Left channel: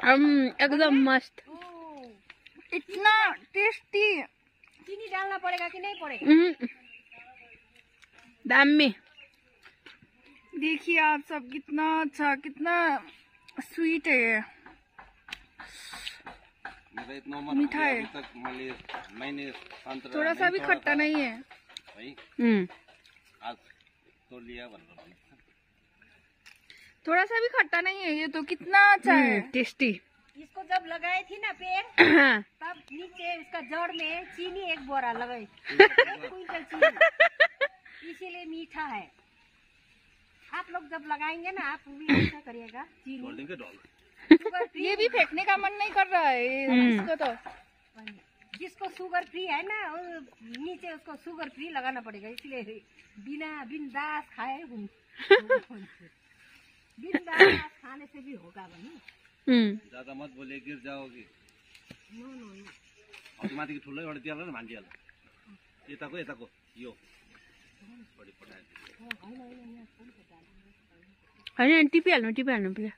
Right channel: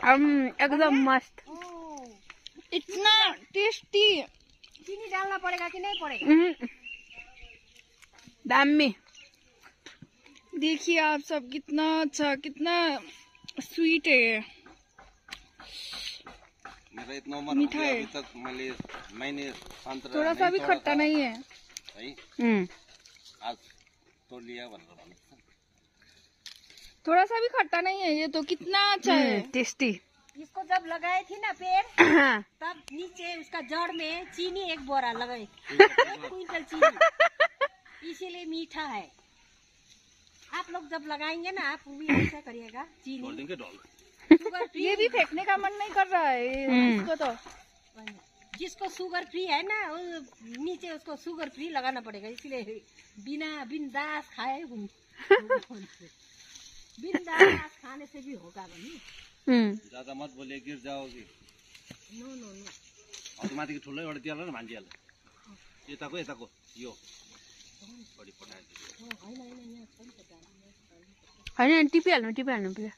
एकदम मस्त। इतना टेस्टी। चीनी डालना पड़ेगा कि नहीं पड़ेगा? दामी। देखिए आप सब कितना अच्छा, कितना स्वीट है ये। मेरा इतना उम्र हो गया अभी तक मैंने संतरा थोड़ा सा भी खट्टा नहीं है भाई। आज तो लिया बन रहा। थोड़ा सा भी खट्टा नहीं है ये तो। कितना अच्छा है, टेस्टी। इसको जब लगाए थी ना पेड़ तब नीचे उसका जड़ में चीनी 1 बोरा लगाए, 1 क्विंटल चीनी, इसीलिए मीठा है। आप लोग जब लगाएंगे ना आप भी ऐसा करिएगा, चीनी शुगर फ्री। ये भी फेंकने का मन नहीं कर रहा है इसको तो। जिसको शुगर फ्री है ना वो नीचे उसको शुगर फ्री लगाना पड़ेगा, इसलिए बिंदास खाए बिंदास खाने से भी होगा बनी। ज्यादा मत बोले गिर जाओगे। नो नो नो अटोमेटिक ठुलो एउटा दिइहाल्नु न मान्छेहरुले। यताको यो बढी पठाए। हैन टिपिहाल्नु प्लिज।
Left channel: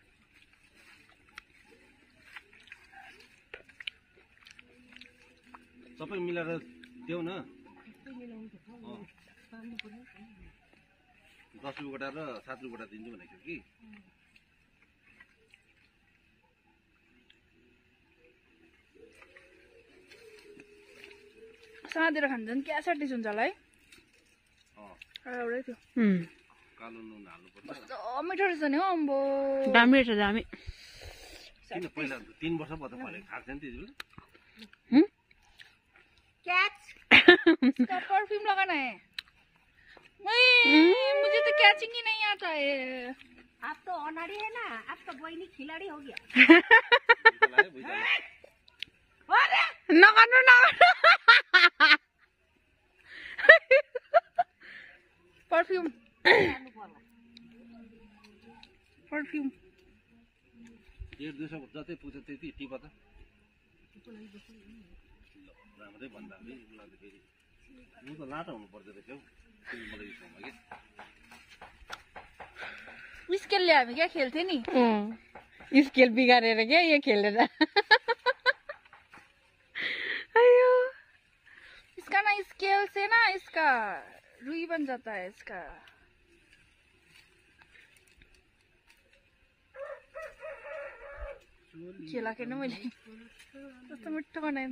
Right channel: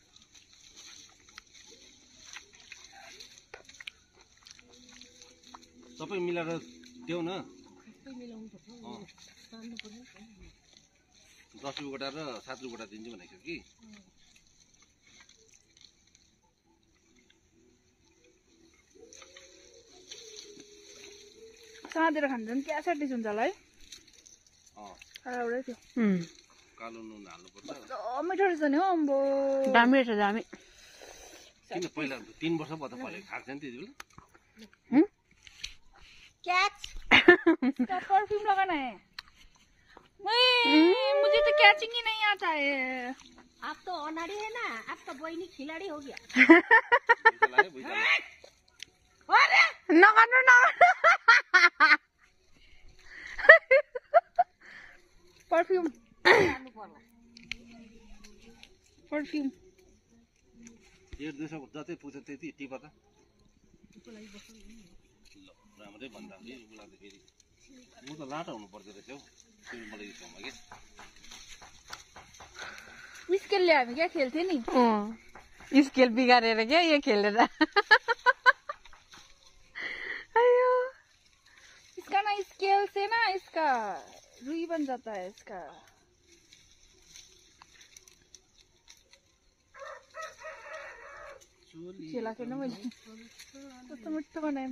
सबै मिलाएर देऊ न। 10 रुपैयाँ गोटा र 7 रुपैयाँ गोटा दिन्छु भनेको कि। साँदेर खान्छ नि क्या सटिस हुन्छ होला है। एउटै थियो। कालो नुन हाल्नुपर्छ। कस्तो मिठो रहेछ नि हो अम्बो। दामी रहेछ दामी। किन पहिला 3 वर्ष भयो त फले खाएको थिएन त्यति बेला। कैच इसका परफ्यूम लगाना है। मुझे तो कैचिंग ही नहीं आता है। आप तो अनाड़ी है ना, आपका बहनी खिलाड़ी हो गया। नगर्नु परफ्यूम परफ्यूम 1-2 जतै पुग्छ त्यति टिप त। राम्रै भन्दा पनि उसलाई त फेरि म त लाटा हुनु पर्दो रहेछ हौ मलाई यो ठाउँमा के। स्केलले हामी क्या खेल्थे नि। स्केल बिगारेर क्या ये खेलेर। अयो इसका ना स्केल से ना इसका रुई बन जाता है इसका। चेला के ना मैले कस्तो मिठो बनाए।